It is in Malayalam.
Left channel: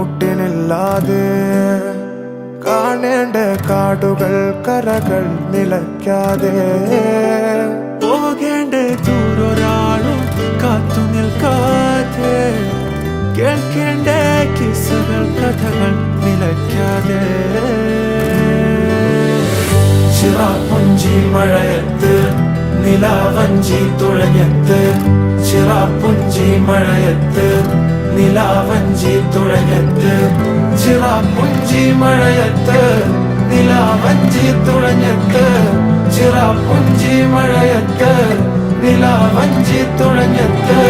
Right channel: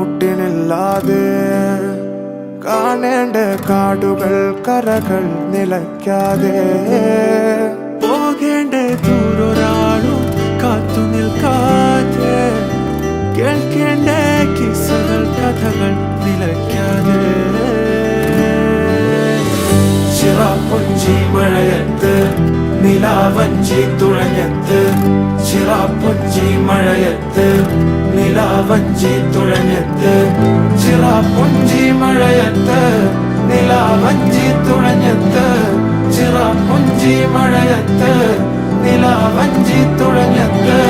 കുട്ടിനില്ലാതെ കാണേണ്ട കാടുകൾ കരകൾ നിലയ്ക്കാതെ പോകേണ്ട ദൂരൊരാളും കാത്തു നിൽക്കാതെ കേൾക്കേണ്ട കിസ്സകൾ കഥകൾ നിലയ്ക്കാതെ ചിറാപ്പുഞ്ചി മഴയത്ത് നിലാവഞ്ചി തുഴഞ്ഞത്ത് ചിറാപ്പുഞ്ചി മഴയത്ത് നിലാവഞ്ചി തുഴഞ്ഞത്ത് ചിറാപ്പുഞ്ചി മഴയത്ത് നിലാവഞ്ചി തുഴഞ്ഞത്ത് ചിറാപ്പുഞ്ചി മഴയത്ത് നിലാവഞ്ചി തുഴഞ്ഞത്ത്